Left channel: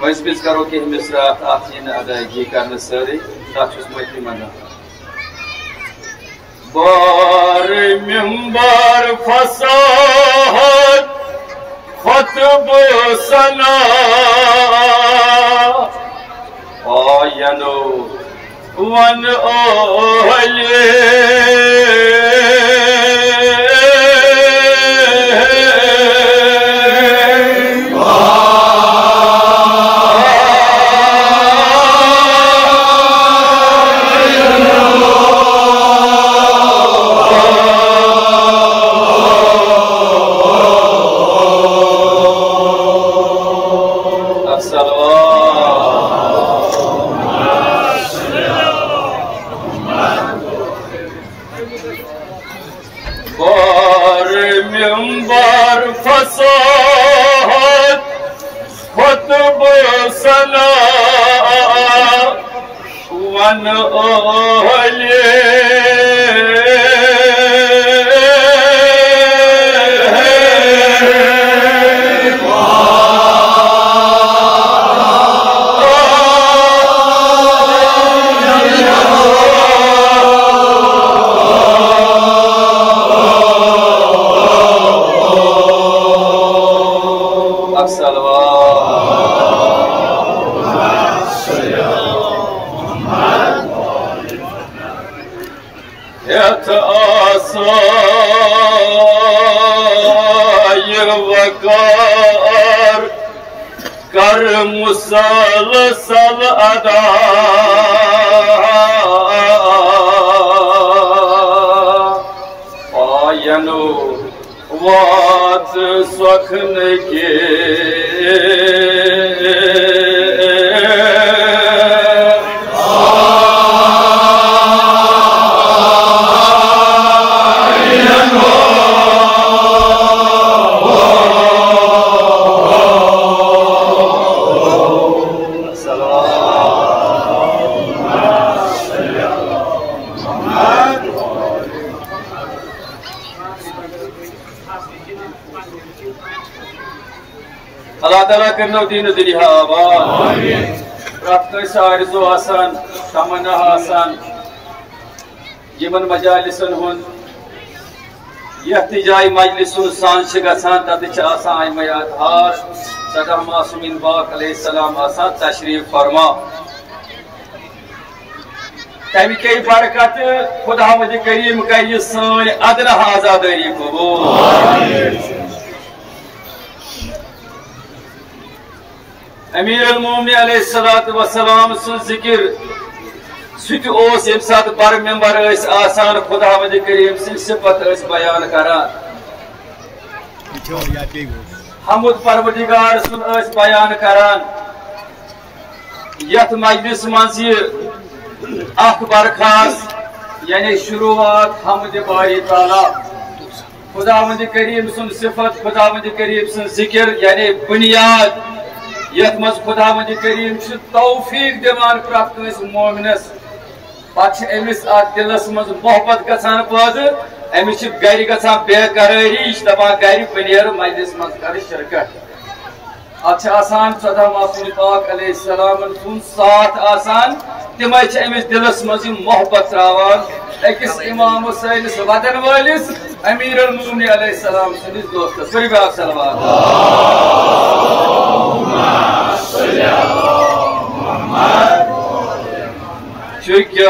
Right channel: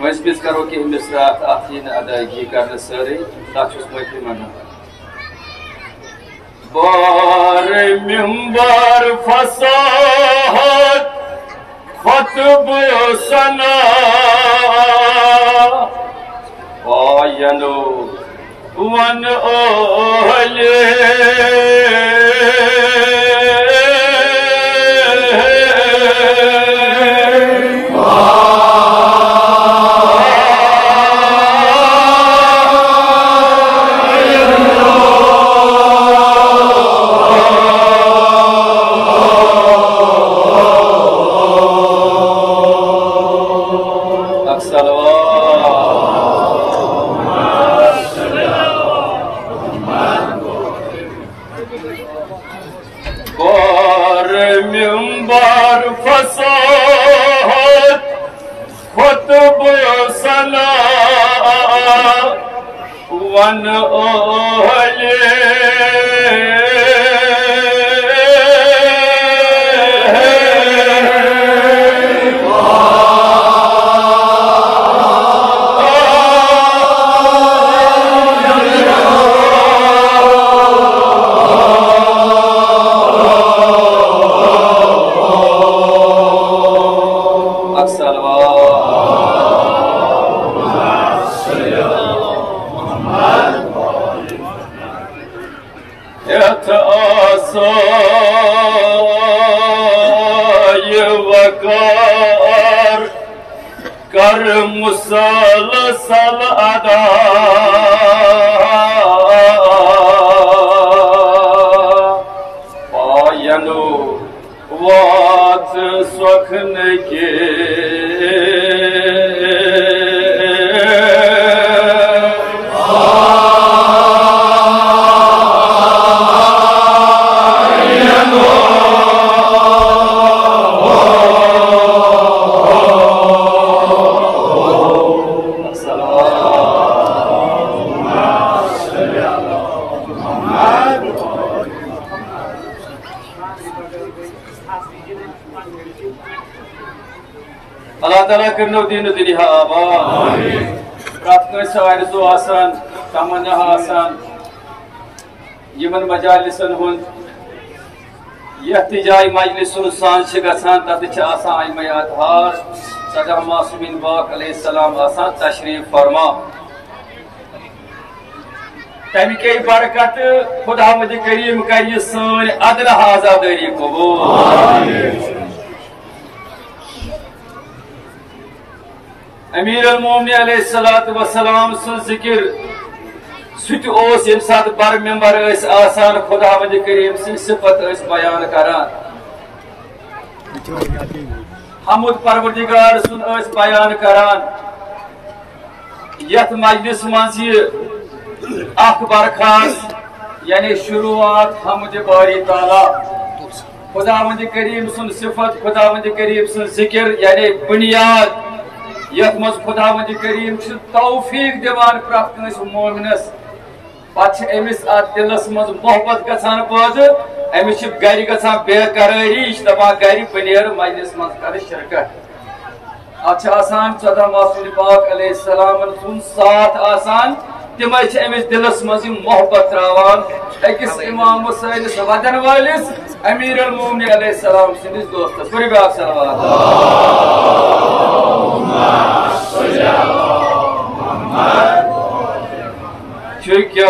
मजबिस करो कि मिसरात आफीन अदायगी करने सारे दाचुस मती मना बार मिंबर फसाहत खतब सना आयनो वन ओहले कर मुसलसल अदा आयनो वात स्वखन के अल्लाह ताला करनो दीन दुनिया आबाद प्रार्थना सारजो आसान तमन्ना आसान यमन मजालिसन हुन यहतिजाई मजलिसुन सांस गसान तद आसान आयमयात हार सदा मासूमिन बाक अलैहिस्सलाम आसान तशरीफ फरमा तमी के बरकत खुदावंद करीम का ये सन अदना आजादारी कबूल आमीन। अमीर अल मोमिनीन अलैहिस्सलातु वस्सलाम सुन जिक्र सुत ओस यम सात बर मेंबर आसान खुदावंद करीम सिन सिफत बयान करान हमद परवरदिगार सुन बयान करान यथ मजलिस मज अख बरखास यानी शुरुआत हमद बारी ताला खुदावंद करीम सुन सिफत खुदावंद करीम सुन जिक्र यानी बुनियाद यथ मज खुदावंद करीम तौफीक दिवान प्रत कंस मोमिनस पे अमिस दिलस मज मोहब्बत गसान पैद अमिस गर गसान बेकरारी यह दपान गर बह मजलिस मज कर शिरकत अत 14 मासूम पाक अलैहिस्सलाम सुन साथ आसान तिमे अमिस दिलस मज मोहब्बत त्रावान अकिस इमाम सैनिस वदन वालिस अमीर अल मोमिनीन अलैहिस्सलाम सदिस दोस्तस पढ़िए आप सलवात क्या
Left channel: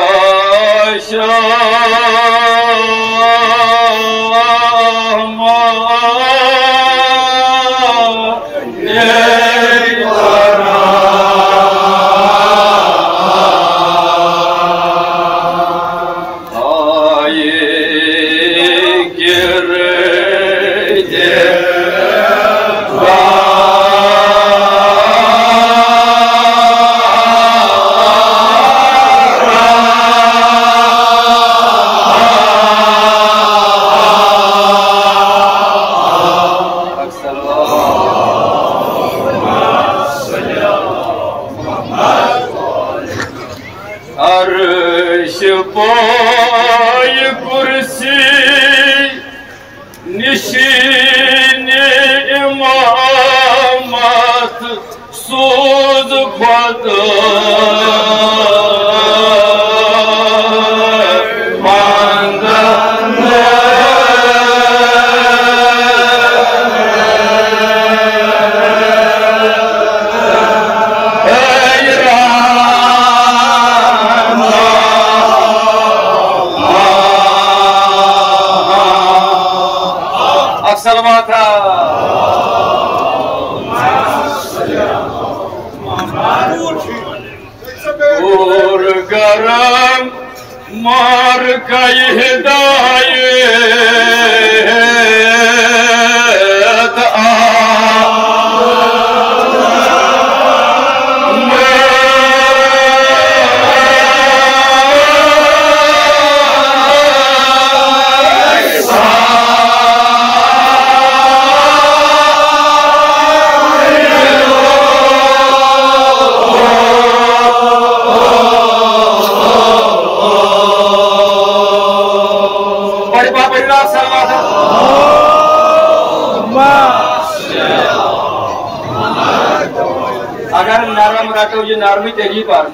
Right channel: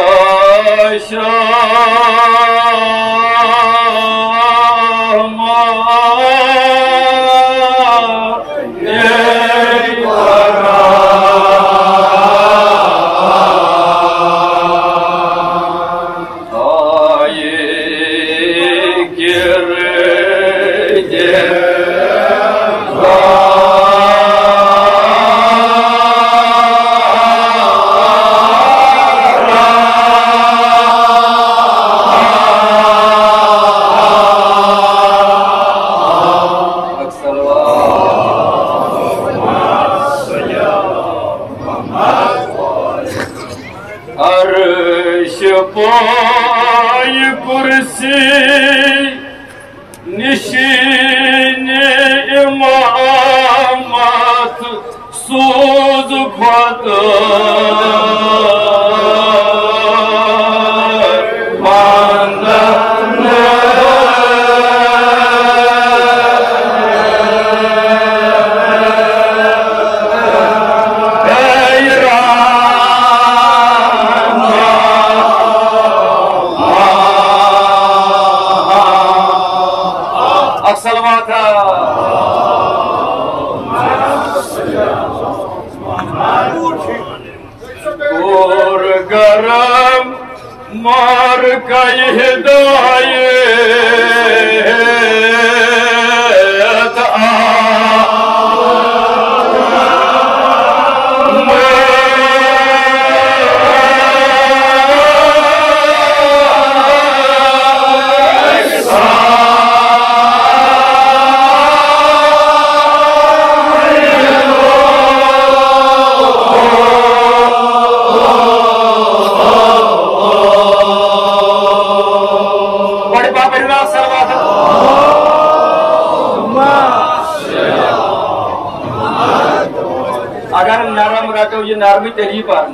अगर नरम रटो ये नरमी तेरी पर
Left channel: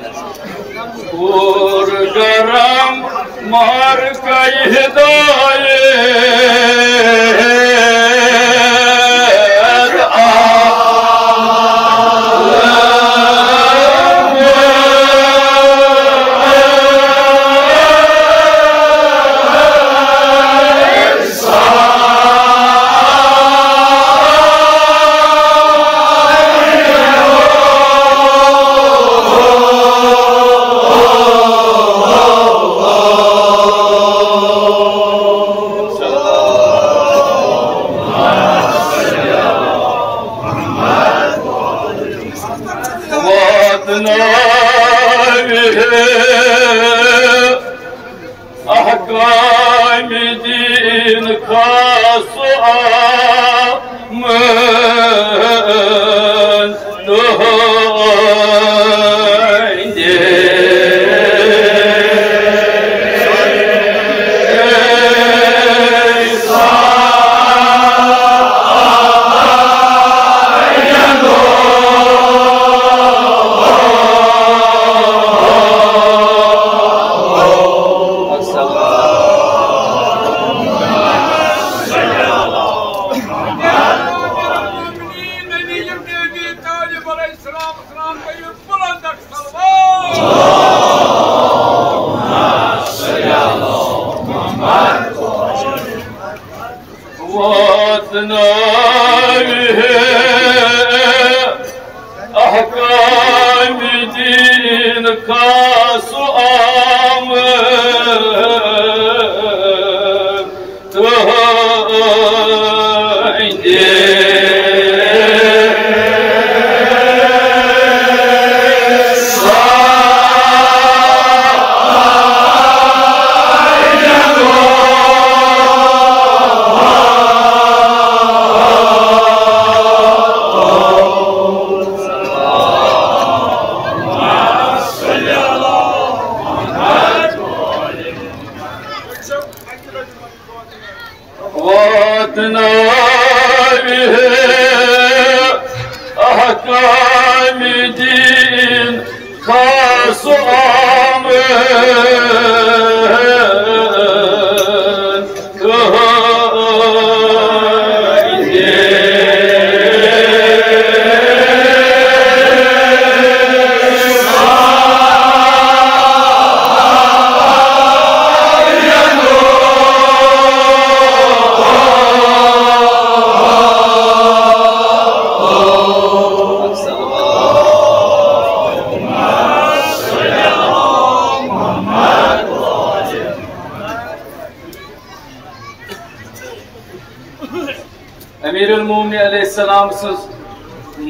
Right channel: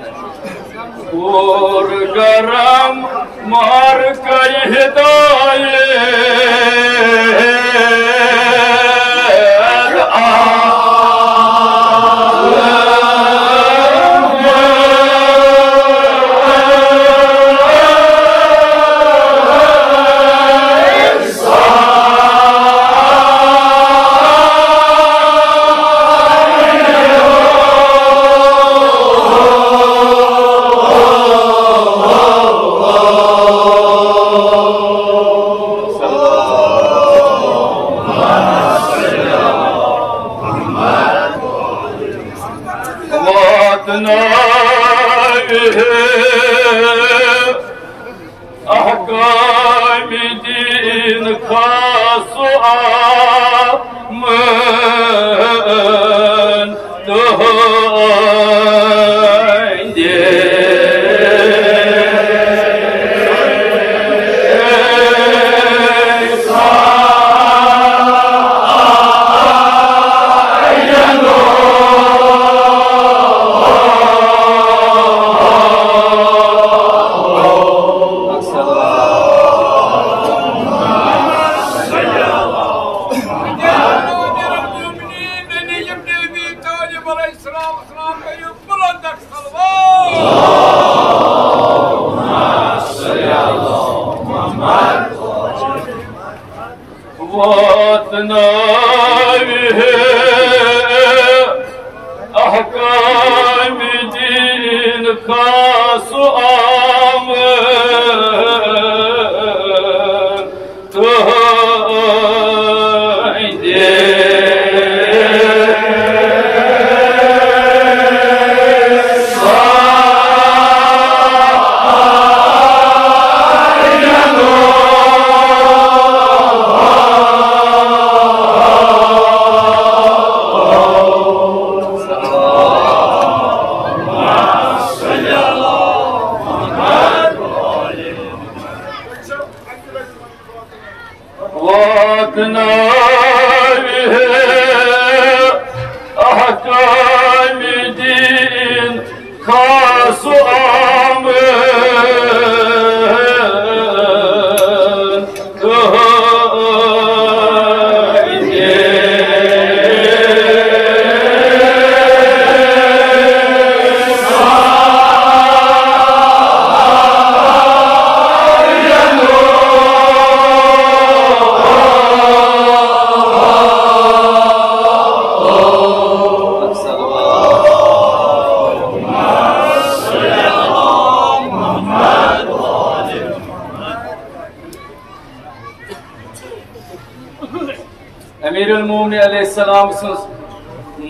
और गरम मार कई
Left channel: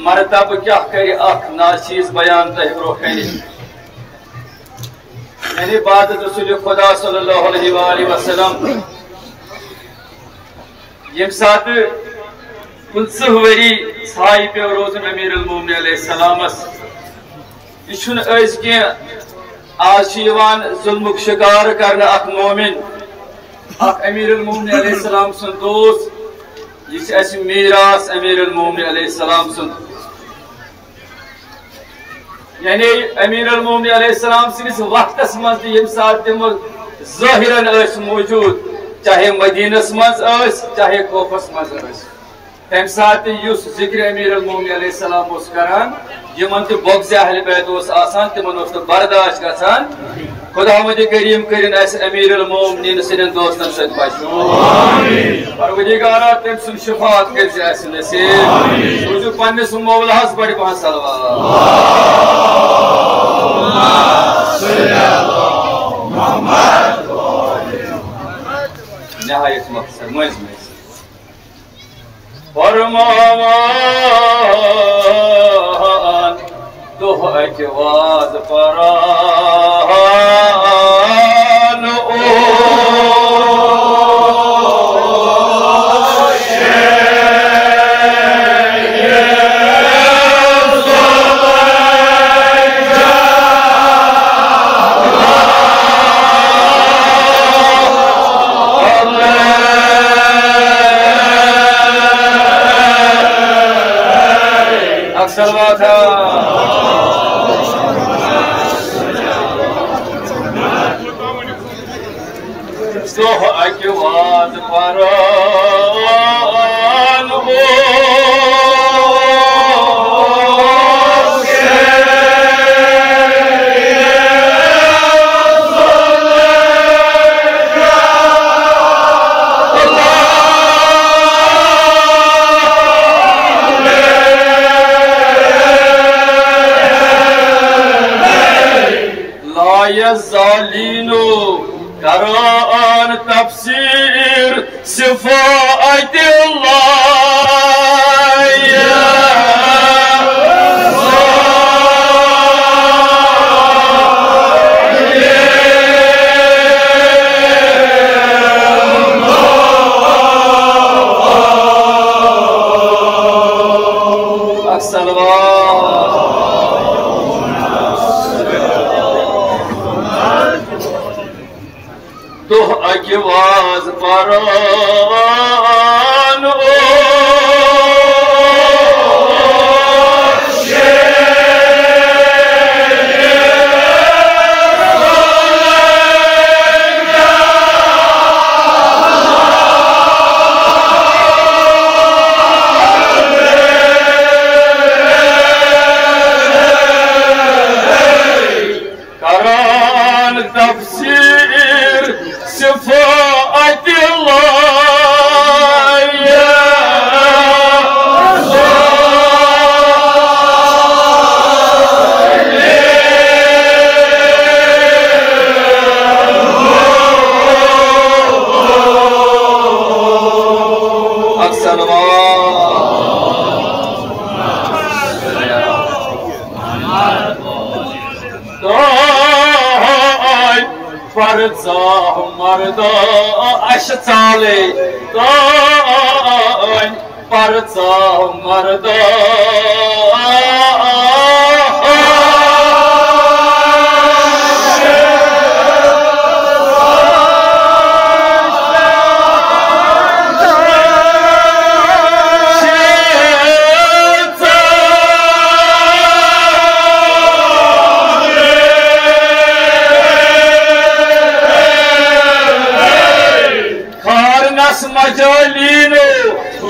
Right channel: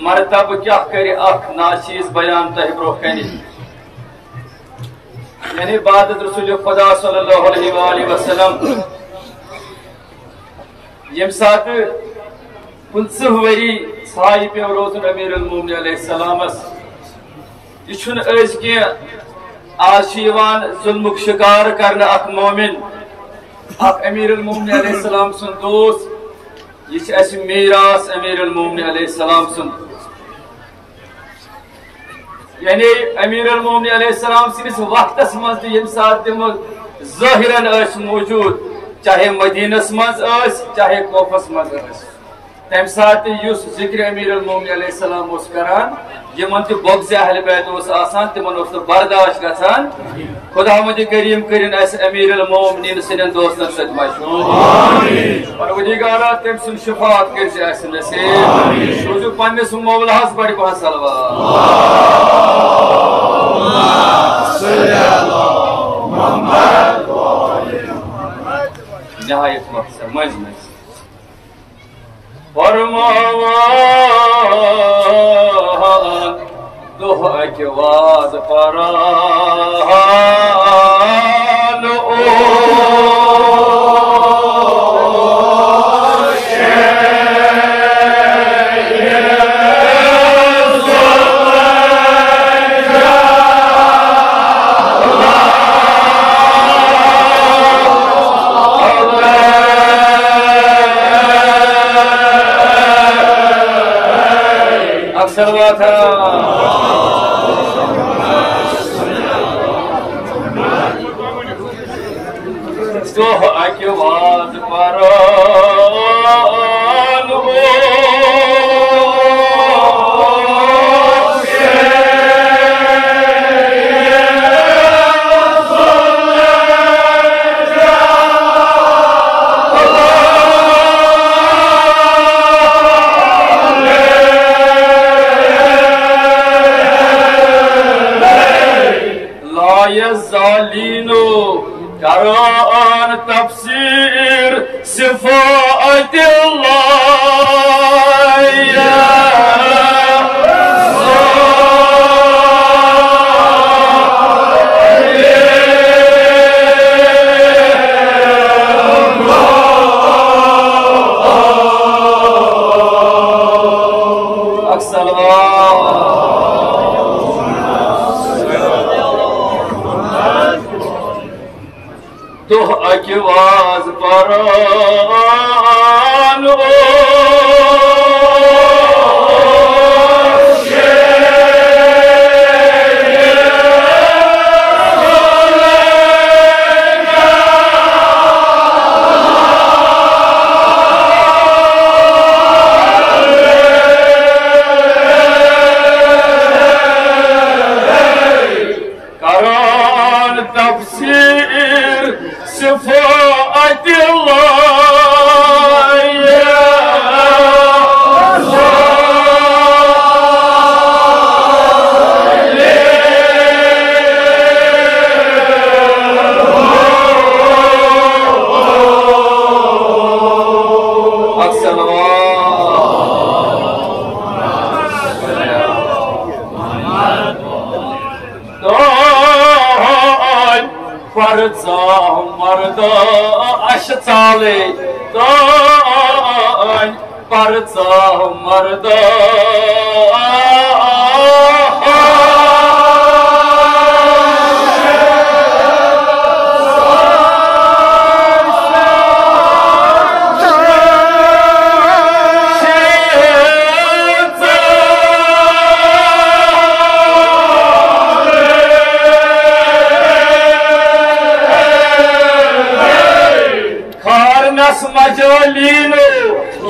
मरतब क्या कर नाचीज बयान तह ब्रो यानी बाद रसूल खुदा सल्लल्लाहु अलैहि वसल्लम यम सात 50 वरी छाई पे रोजन अमीरुल मोमिनीन अलैहि सलामस यह आज जुल्मुक शिकार करने मोमिन अमीरुल मोमिनीन अलैहि सलाम सुन दोस्त यह मीरास अमीरुल मोमिनीन अलैहि सलाम सुन यानी अमीरुल मोमिनीन अलैहि सलाम सिस वक्तस मज यम सात तम ज़ाहिरन मौजूद चाहे मदीनस मज चाहे कोफस मज तम सात जिक्र अमीरुल मोमिनीन अलैहि सलाम करान यमन तो बोग्ज़ अहल बैत तिमन बर्दाश्त गसान खुदावंद करीम करिन अमीरुल मोमिनीन सदन दोस्तन सत परवरदिगारा तम सुन शफात कर नसीब पन्निस मौलास बड़ पहन सलवात नहायत मकसद मज फरमान दुह अजवाज परान ओ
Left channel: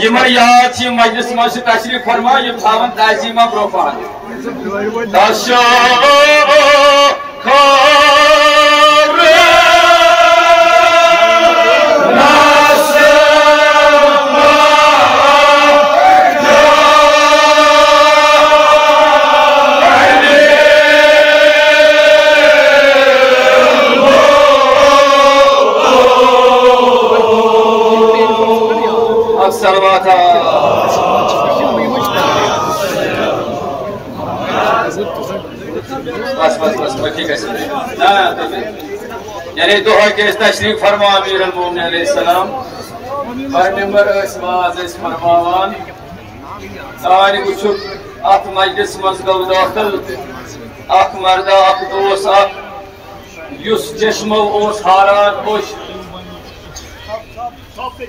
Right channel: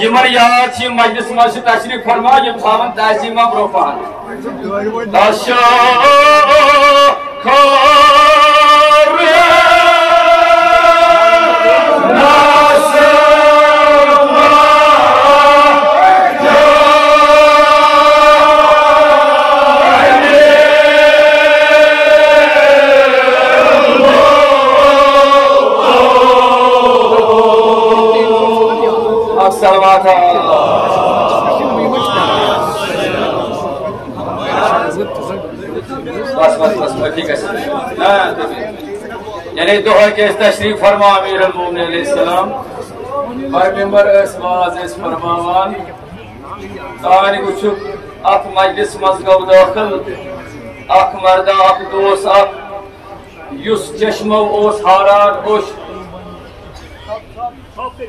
यमन याद मजलिस मज तशरीफ फरमा यम थावन ताजीमा ब्रोफान यानी दोहा के तशरीफ फरमा अमीर अल-मोमिनीन अलैहिस्सलाम और मेंबर वाज फरमान तान वुचु अत मजलिस मज गो दाखिल अख मर्दा अख दोस युस चश्मो ओस हारान ओस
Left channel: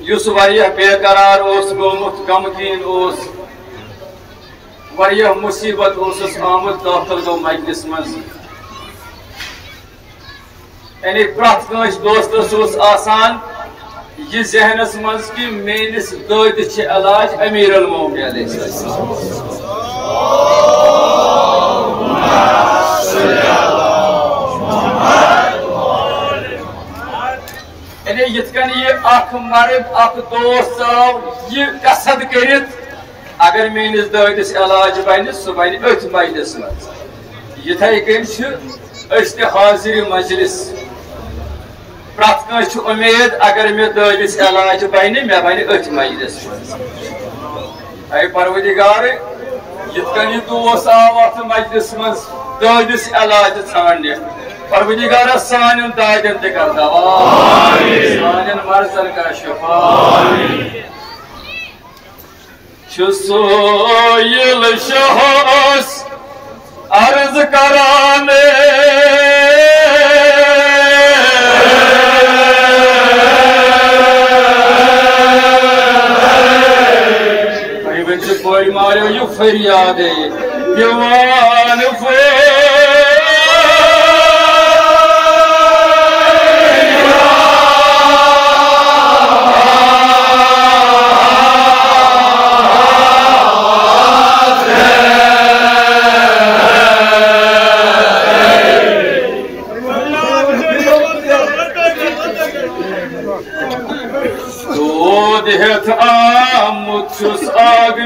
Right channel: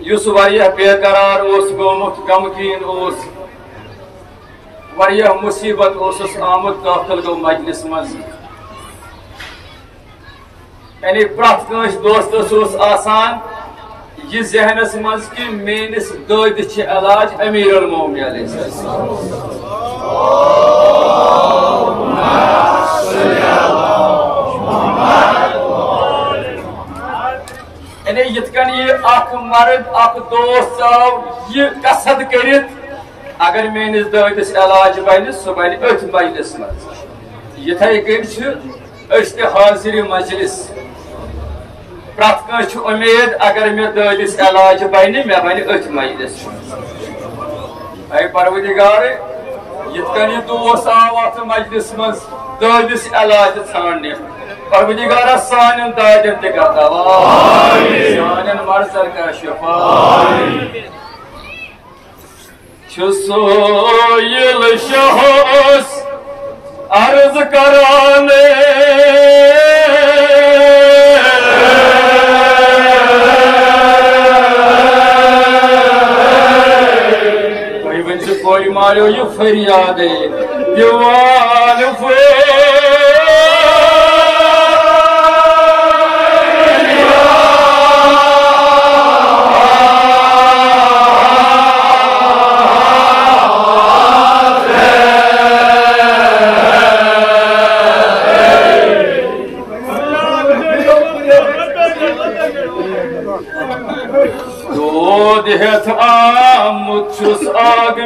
युस वारिया बेकरार ओस गोमुत गमगीन ओस वारिया मुसीबत ओस आमुद दाखिल गो मजलिस मज यानी प्रत दोस्तस आसान यह जहनस मज कि मेनिस दद इलाज अमीर अल-मोमिनीन अलैहिस्सलाम यानी यिथकन यह मर्द दोस्त यह कसद करित अगर मेनिस ददिस इलाज बन सह बन अथ मजलिस मज यिथे कन हाजिर मजलिस प्रत उम्मीद अगर मे ददिस इलाज बन मे बन अथ मजलिस ऐ परवदिगार यिथकन यह दोस आव अथ मजलिस मज ददिस इलाज छाड़ने परवदिगार सान दादन तता सान मर्जन का शफा सोयल शहस अर्ज कराने कोई मारो यू फरियाद दीवान देहत आमुद आग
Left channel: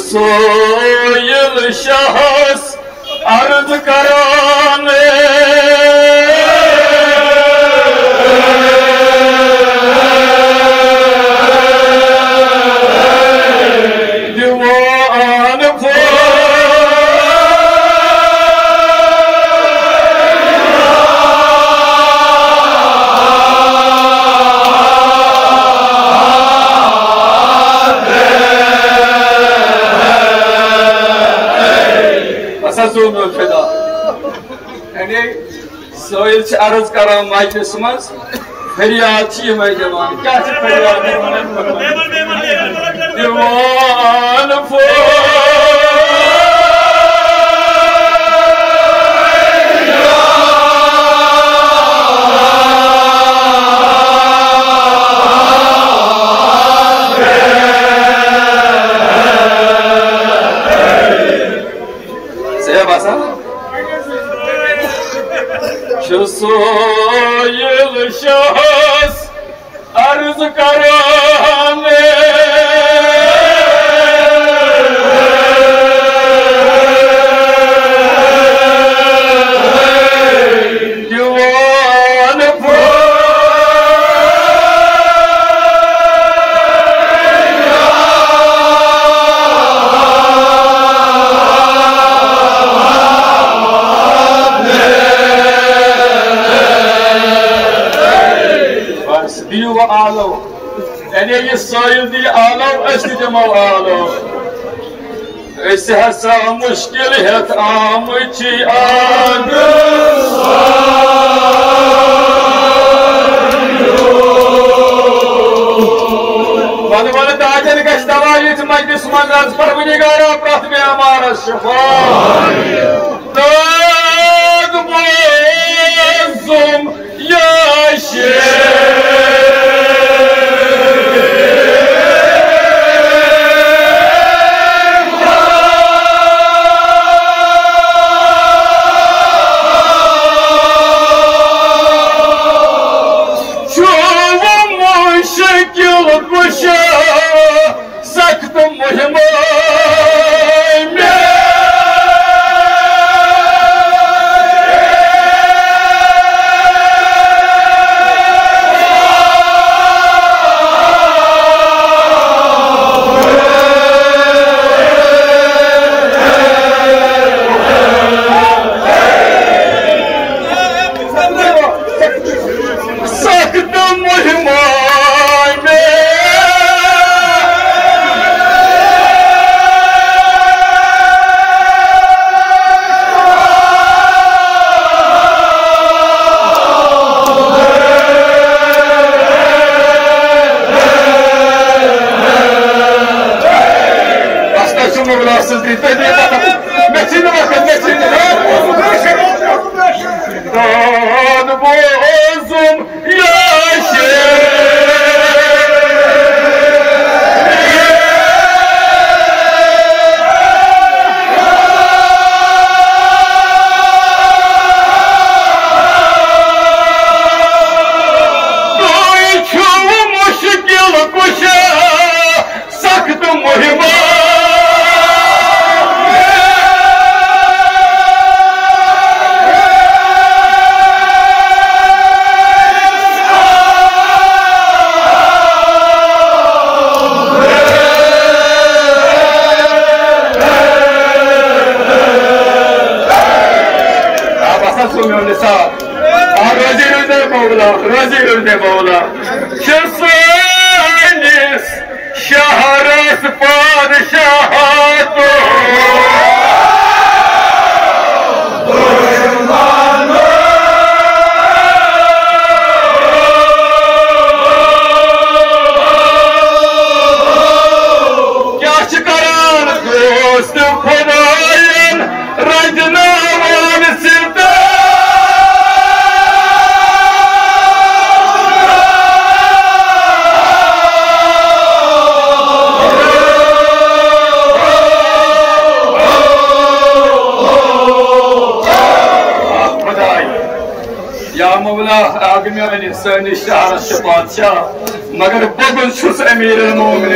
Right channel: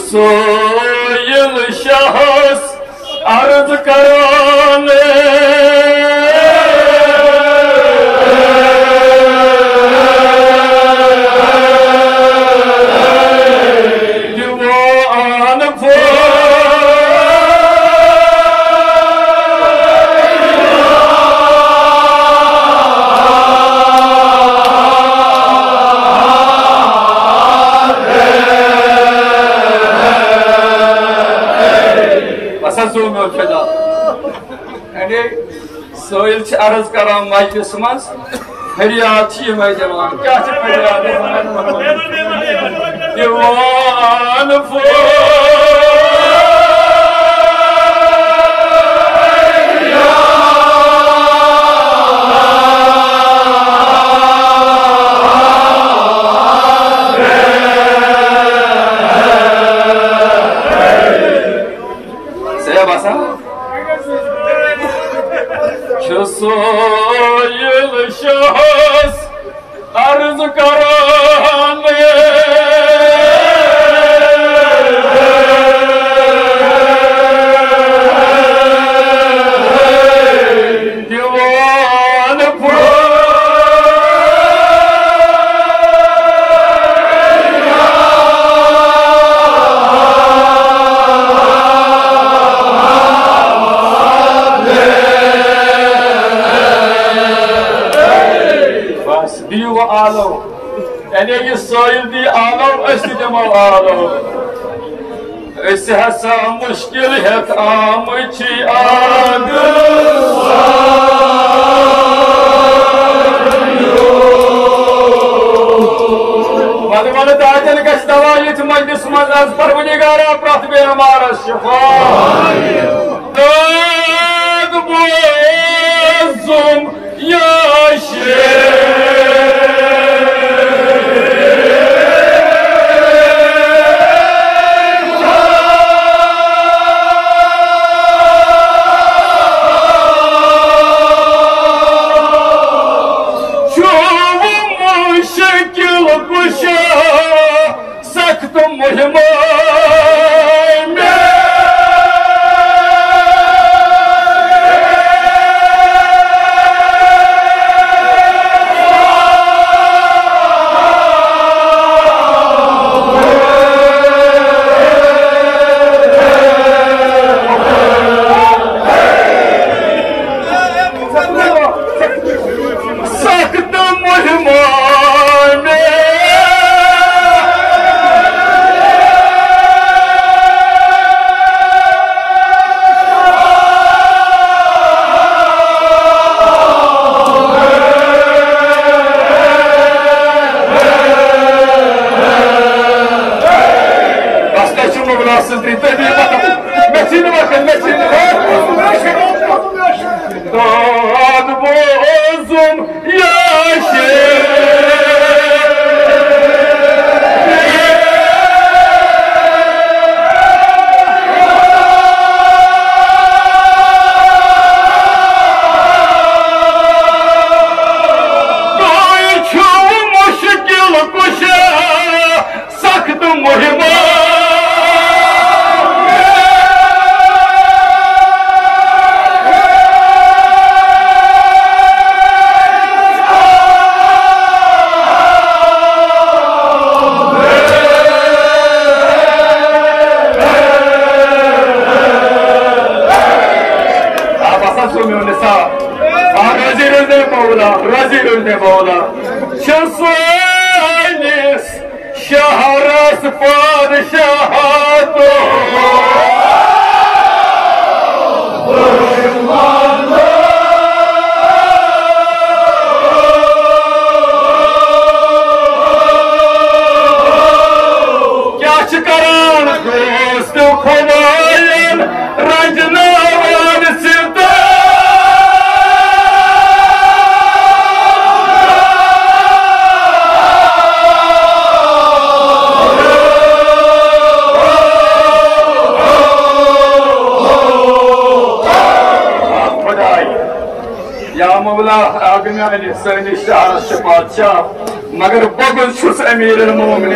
सोयल शहस अर्ज कराने दीवान सोयल अर्ज कर मजलिस मज फरियाद जवान क्या फरियाद दीवान सोयल शहस अर्ज कराने दीवान आलो यानी ये सोयल दी आलो दिमो आलो हसा मुश्किल हेत आम आग मन दाजन गश दवा यथ मजलिस मज परवदिगार प्रत बेमार शफा शहरस पादशाह क्या करान दोस्त खुदायन रजनावान सिरता या मौला आगम्यान सनी शहर बादशाह मगर बगल छुस अमीर मोमिन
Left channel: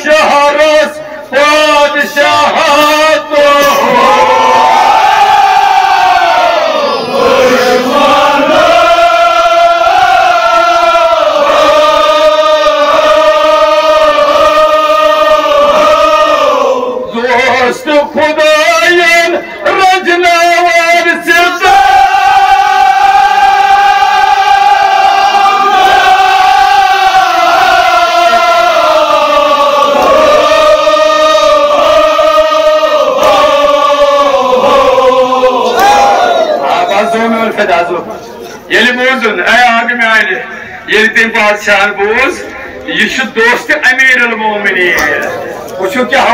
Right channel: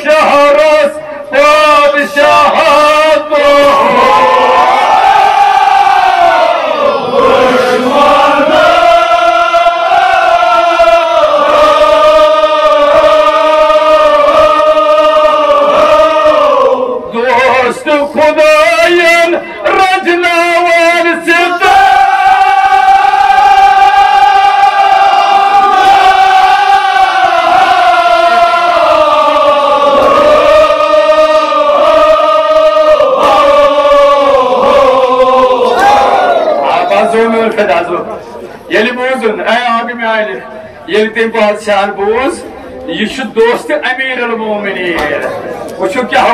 शहरस बादशाह खुदायन रजनावान सिरता ये बोजन आगे में आए ये तम बादशाह बोज यह दोस्त अमीर मोमिन वो क्या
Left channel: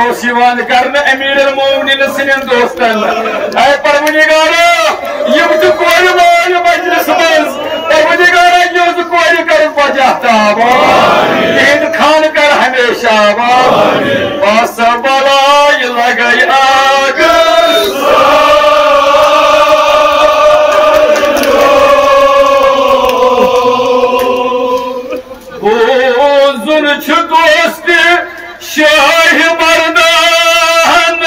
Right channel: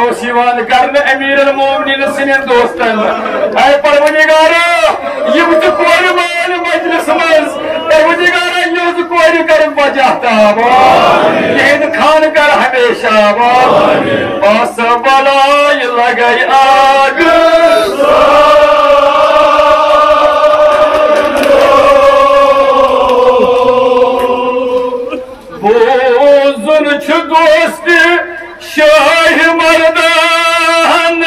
कर अमीर मोमिन सन दोस्तन परवदिगारा यम कोर मान मजलिस मज परवदिगारा यो कोर कर बजाताब यहद खान कर हमेशा बस बलाय लगई आग बोजुन दोस्त शाह मर्दान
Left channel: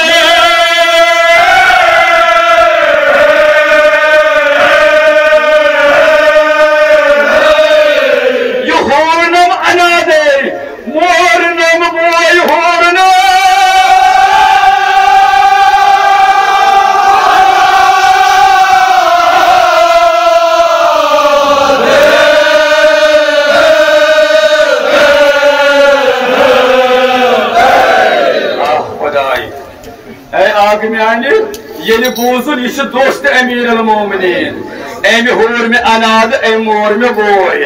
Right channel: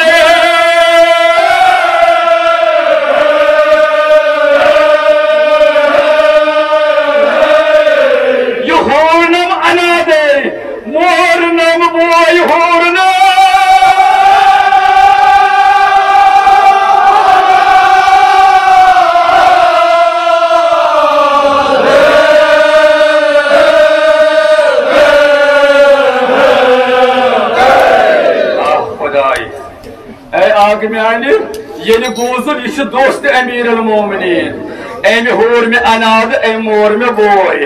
यह होनम अनादे मोरनम बोय होरना आग में आने ये बोजुन यह दोस्त अमीर मोमिन अमि होर में अनाद अम मोर में बोय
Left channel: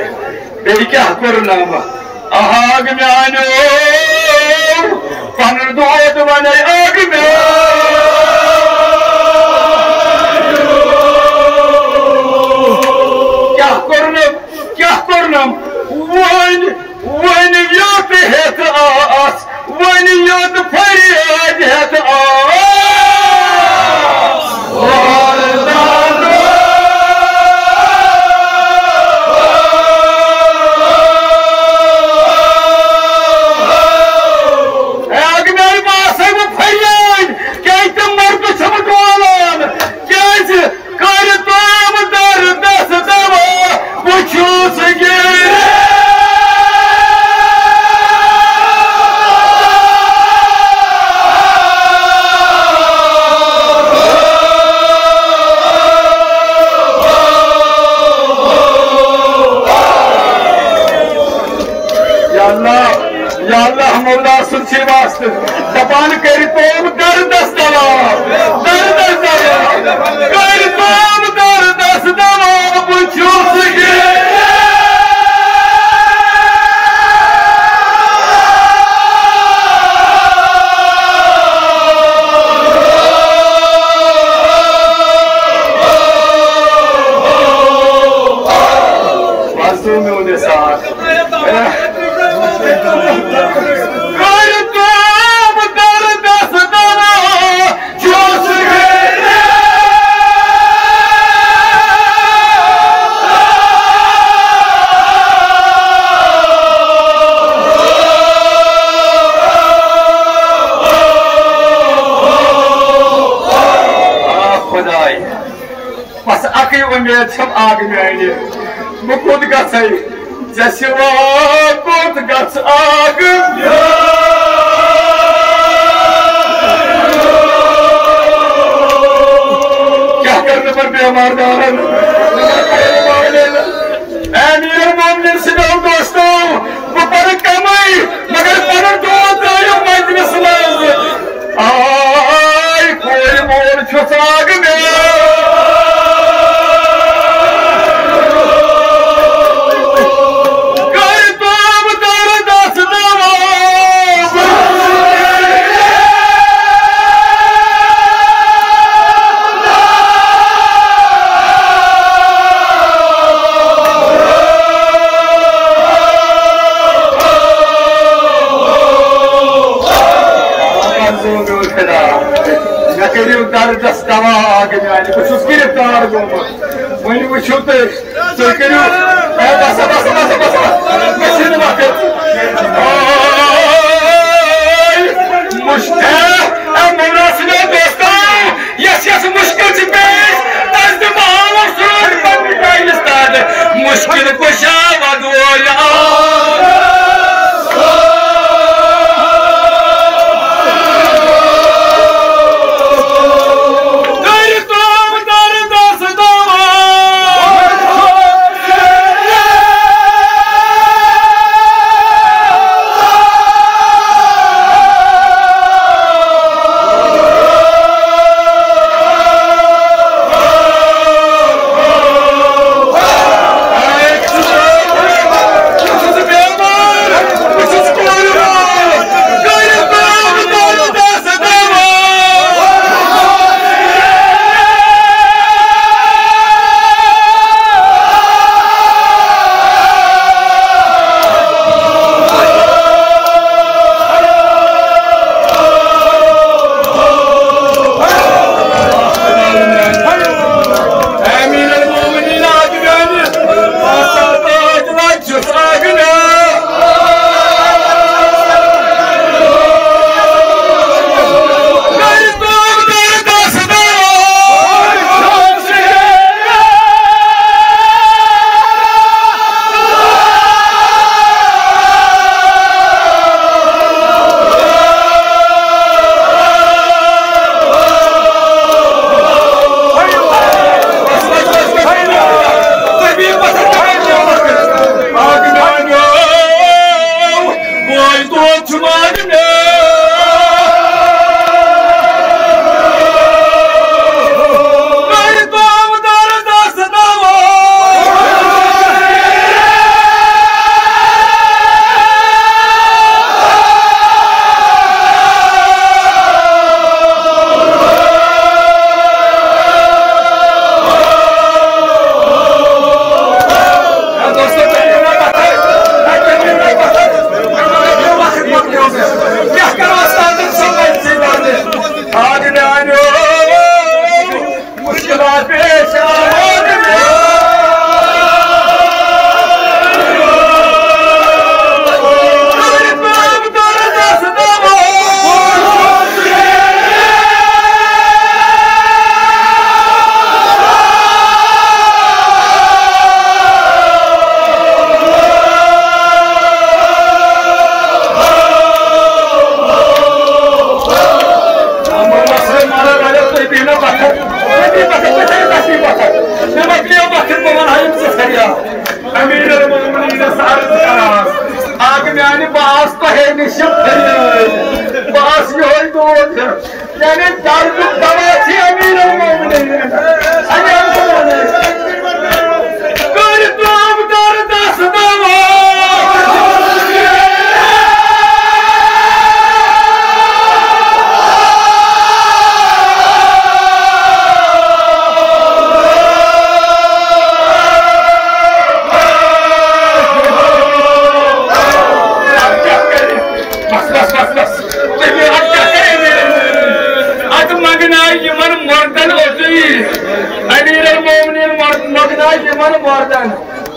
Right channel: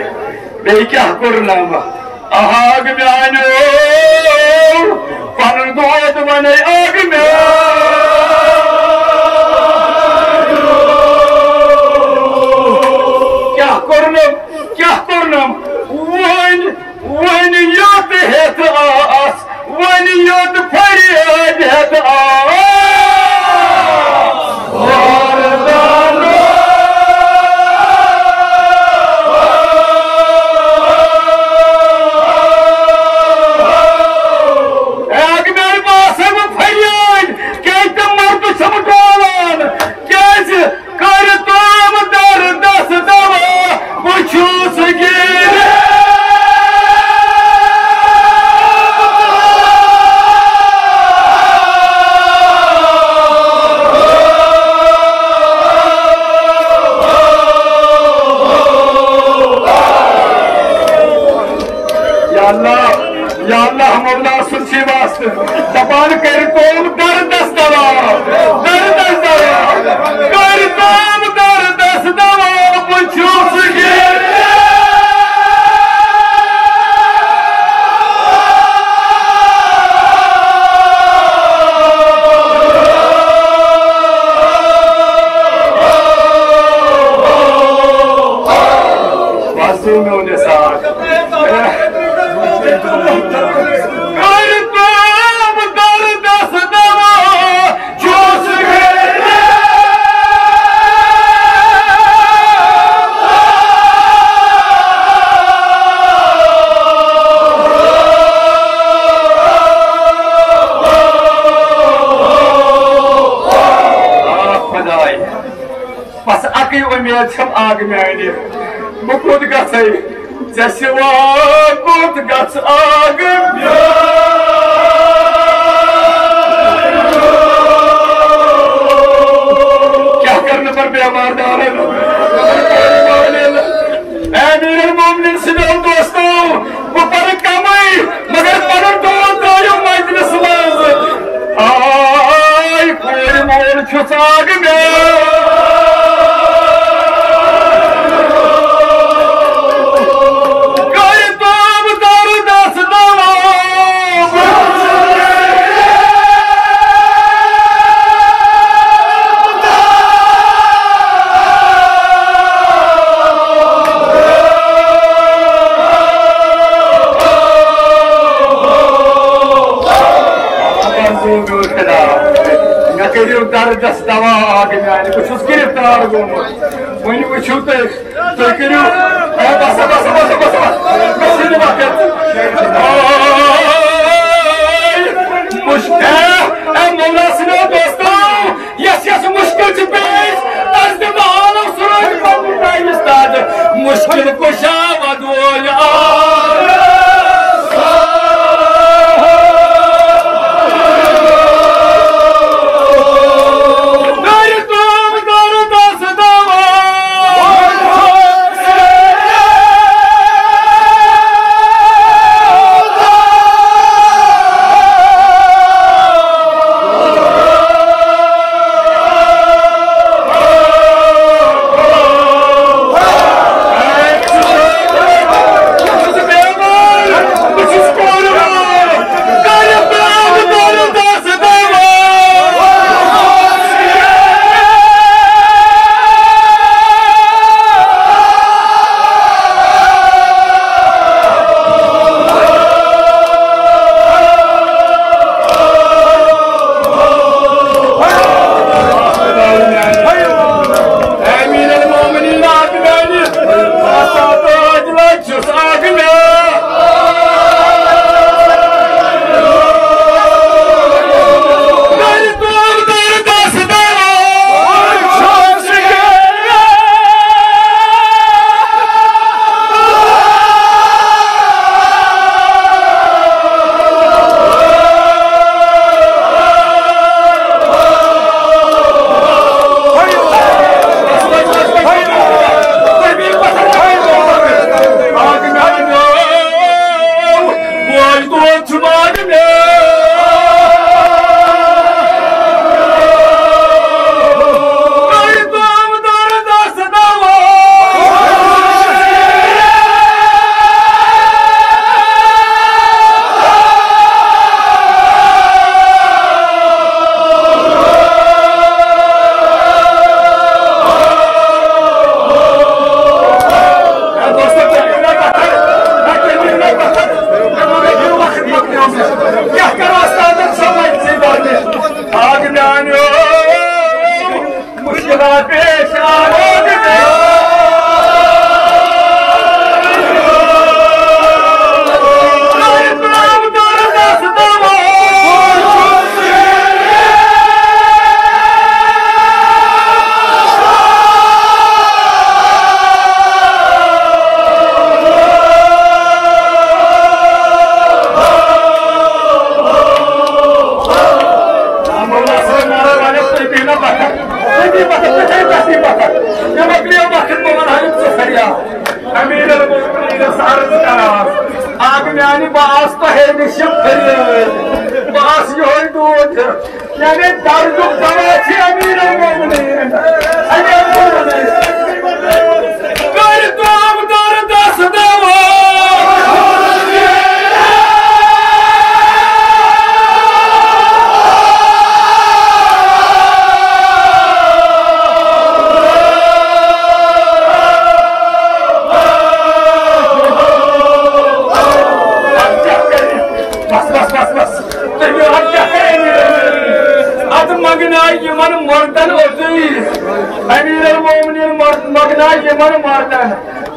बे क्या कर्नम आग में आनो पन दोद वन आग में क्या कर्नम वन वन योत हेत आस वन योत फरियाद हेत दबान कर तोम दर्दस दवा दर्दस दवा कर तोम दर्दस दवा बुझूस गे वास्तव में उन्हें साथ उम्मीद सब आग में आने मुकुद गई जैसिवा बुत गस आग क्या करना और बेमार अमीर मोमिन सिगो दोस्तों वो पर कमाई मगर पर दोस्त आयो मजलिस में आई कोई मोर छुसाग में मुश्किल कुशा वदोया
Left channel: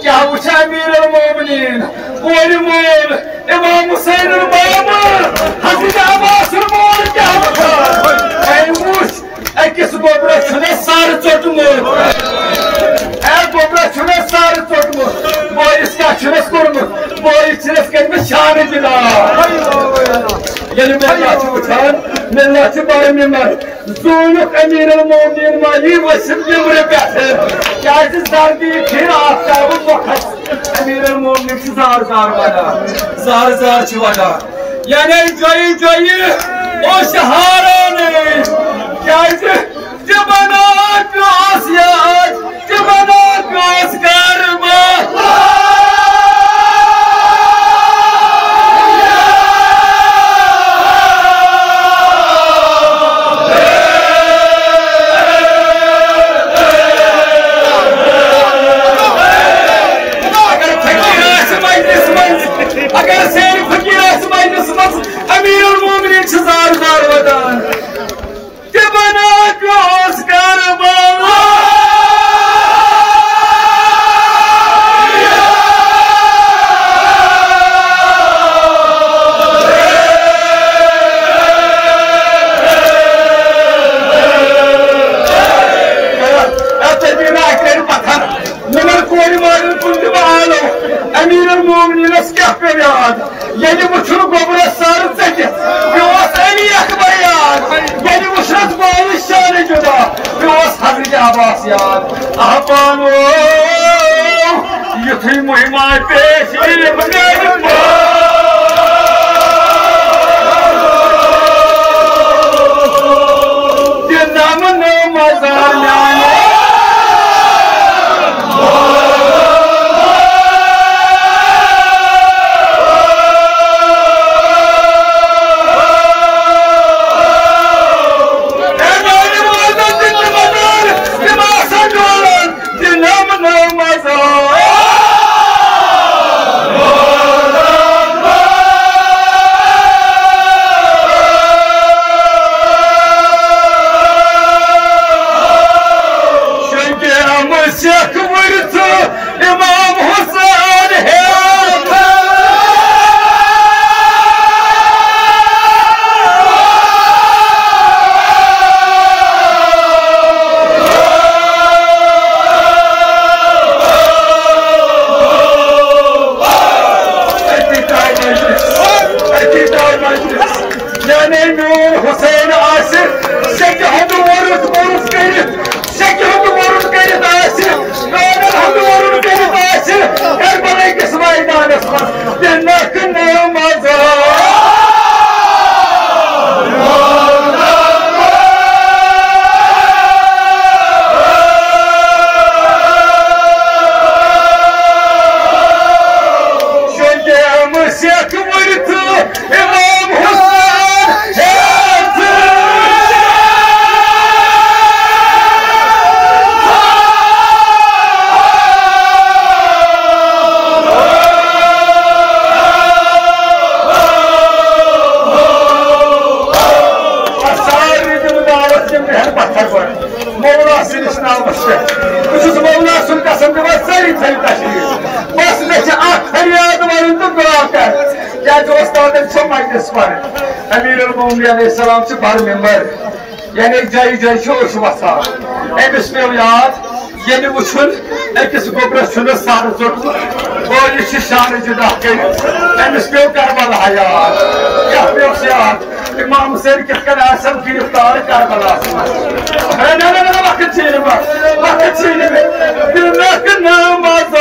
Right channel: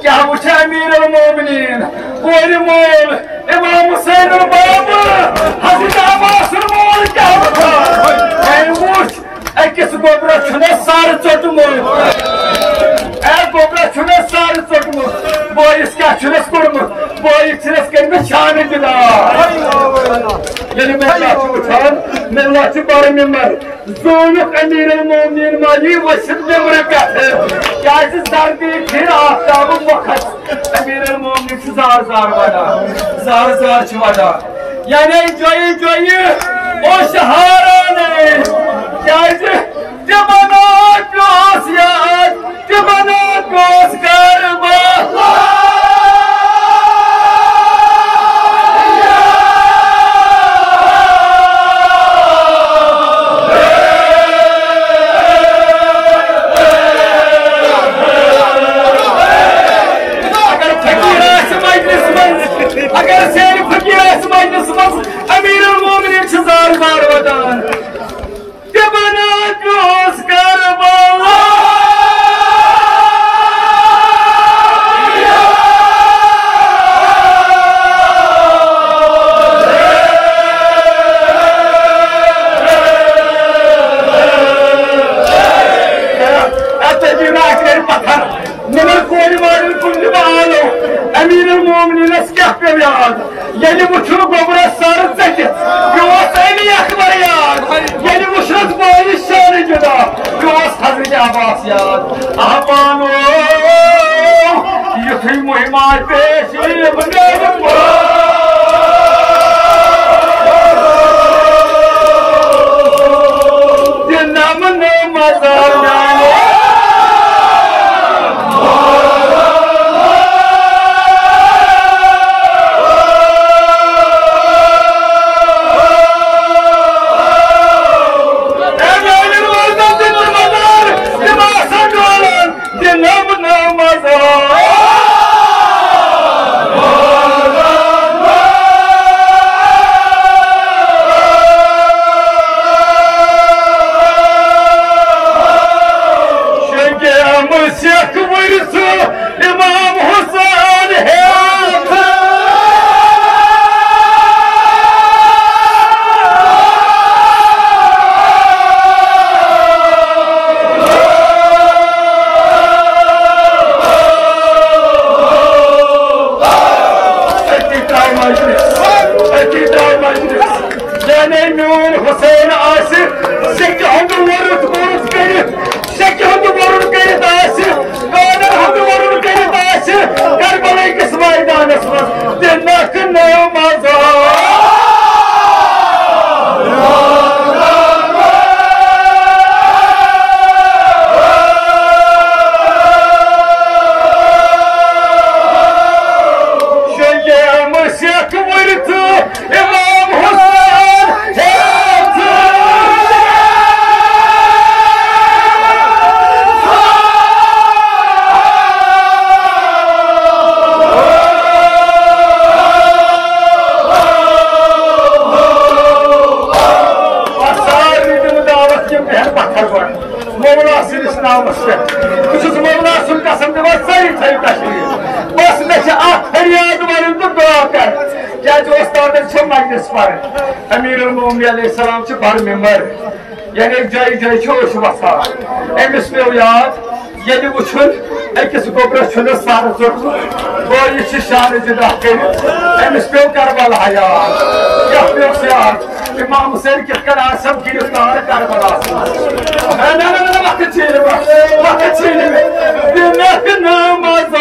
क्या अमीर मोमिनीन इमाम हुसैन अकिस गोबर सार चोटमुत गोबर सार चोटमुत बोरिस क्या कोर्मुत बोरिस कर्म शान दिला मे बड़ निम्मत Zonuk Emir-el-Mu'minin Ali Vasim Demir'e Gerçi serdiği bir aftabı vakat Emir-el-Mu'minin ki zar bana. Zar çuvada. Yani cayı o şaharane. Gerçi cebana göz yaz, cebana göz karma. Agar seni fakir asmayınızmaz, Emir-el-Mu'minin ki zar vadan. Cebana göz karma. Emir-el-Mu'minin eskah bir yad. Yeni buçuk babura sarı zeki. Yuvas eli yakma yad. Yeni buçuk bağlı şanı cüda. Yuvas Hazreti Abbas yad. Ahban o. Yutuy muhimay peşi. Bıgayım bu. Dinamın namazana. Emir-el-Mu'minin aleyhisselam ki bar member. Yani cayı çoğuşu basa. Emis mevliyat. Yeni uçun. Ekisi kobrasyonu sarı zorlu. Boyu işi şanıcı dahil. Emis mev Karbala hayat. Yapmıyor siyat. İmam-ı Serketken asam giriftarı Karbalasına. Ne vakit çiğni bak. Vakit çiğni mi? Dinlekin namaza.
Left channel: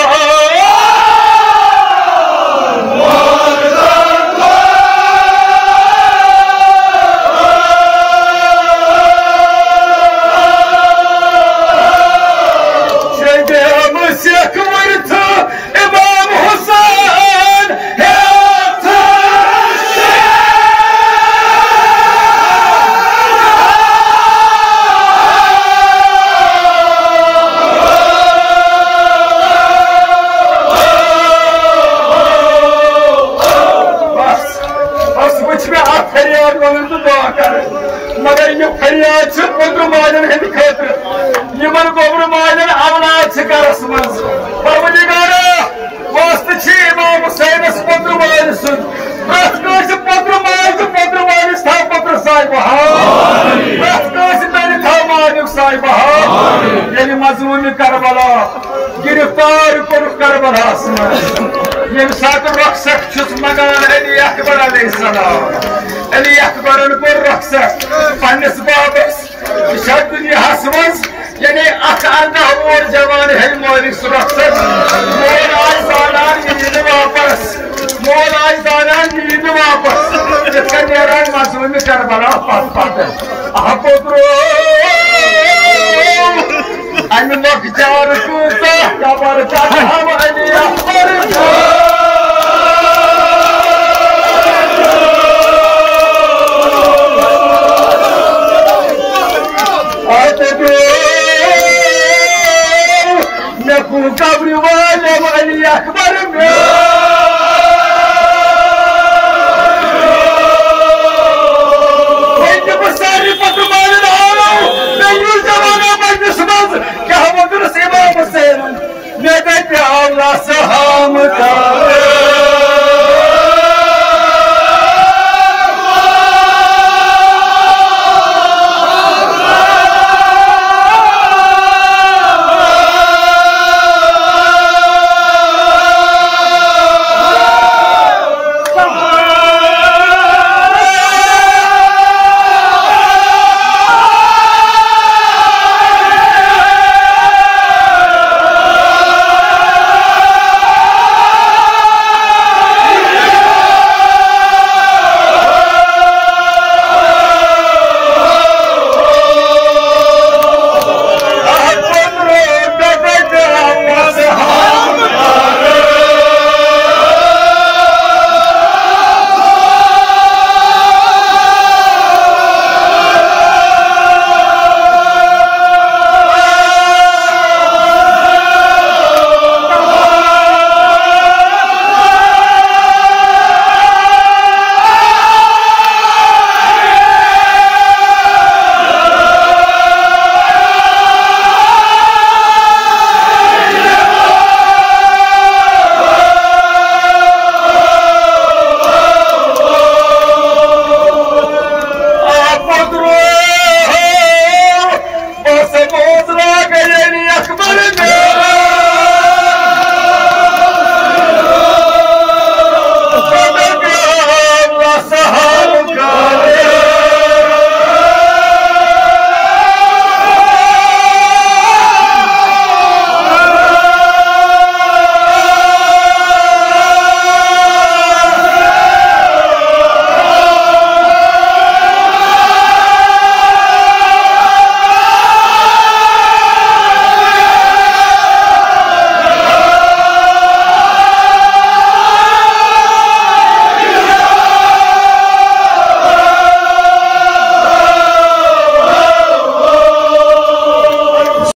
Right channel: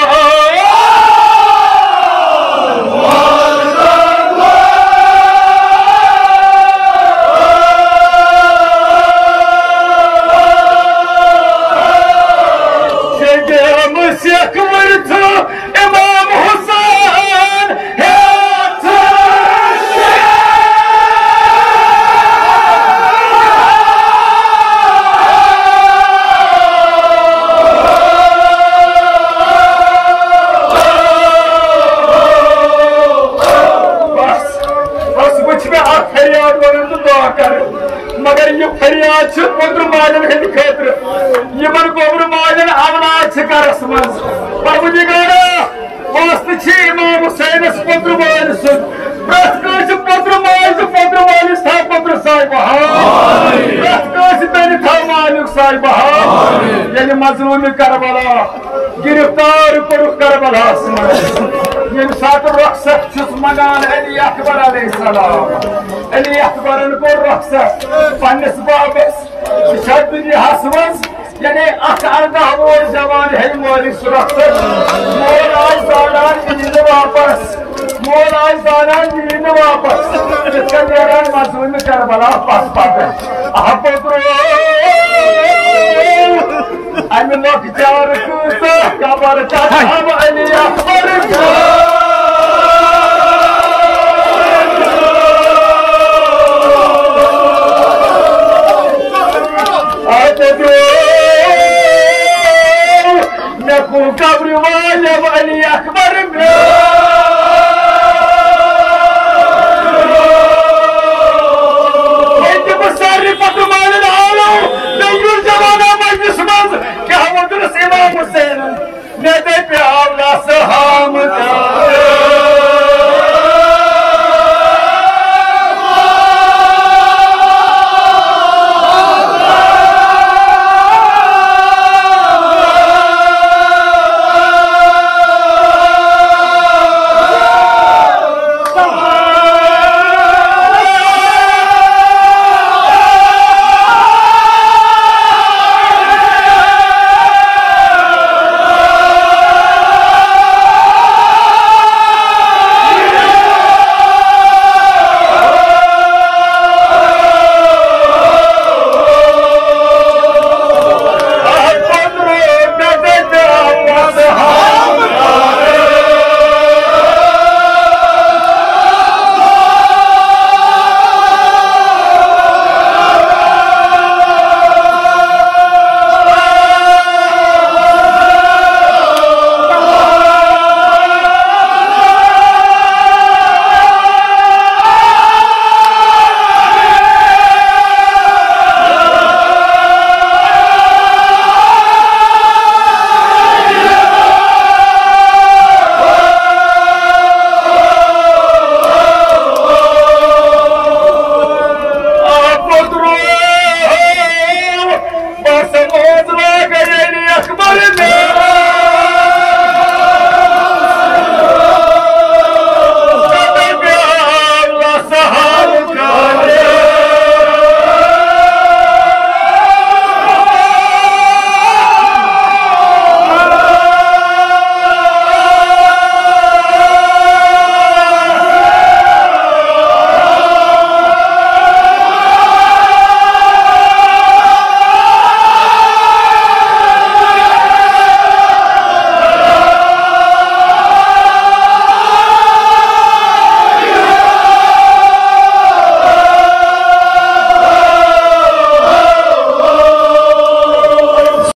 मगर ये फरियाद छ पोत्र माजन हंद खतर Yemen गोबर माजन अवनाद छ करस मज परवदिगारा दोस्त छ इमाम हुसैन पोत्र माजन सुन प्रत कास पोत्र माजन था पोत्र साहिब आमीन प्रत कास तन था मालिक साहिब आमीन ये मजलूम करबला गिरफ्तार कर करबला ये साथ रखसक छुस मगान अली अकबर अलैहिस्सलाम अली अकबर को रखसक पन्नस बाबस दुनियास मज यानी अर्दा वोर जवान है मोरी सुरक्षित मोर आज जानान नींद वापस मोर आज जानान नींद वापस इसका नेरान मासूम करबला पास पाते अपोत्रो अन्न चार कूता कबर चाहम अली अकबर कब्र वाले अली अकबर में सारी पटवाल मजलिस मज क्या मदरस इमाम हुसैन मेरे पे आवला सहाम का